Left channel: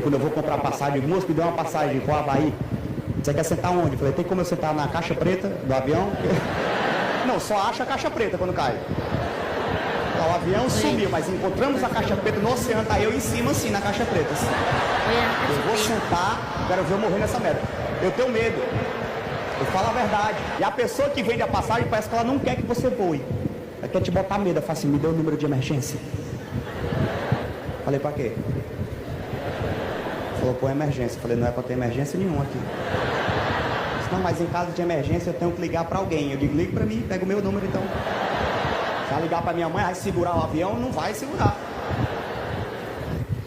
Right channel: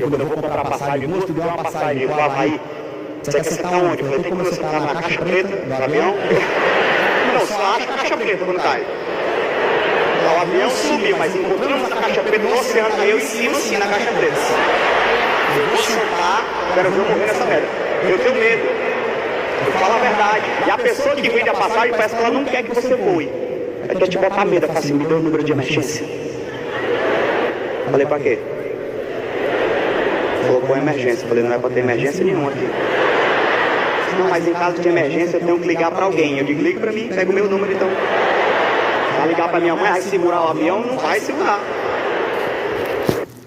quando eu vou comprar passagem, eu moço, me deu uma passagem para o Havaí. Você quer sentar onde? Eu falei, tem como eu sentar na caixa preta do avião? Não, só acha a caixa preta quando cai. O avião subiu, mas encontramos a caixa preta no oceano, aí eu em cima assim, na caixa preta. Eu vou sentar, agora eu vou morrer nessa merda. Eu tenho medo. Eu falo a verdade. E a pessoa que vende a passagem parece que ela não quer que você voe. Aí quer te botar medo, eu falo assim, me deu o número de emergência. Falei, pra quê? Falou, qual é a emergência? Falei, não é pra ter emergência nenhuma aqui. Não, mas em caso de emergência eu tenho que ligar pra alguém. Eu ligo pra mim, pega meu número então. Se ligar pra minha mãe, segurar o avião, não vai segurar.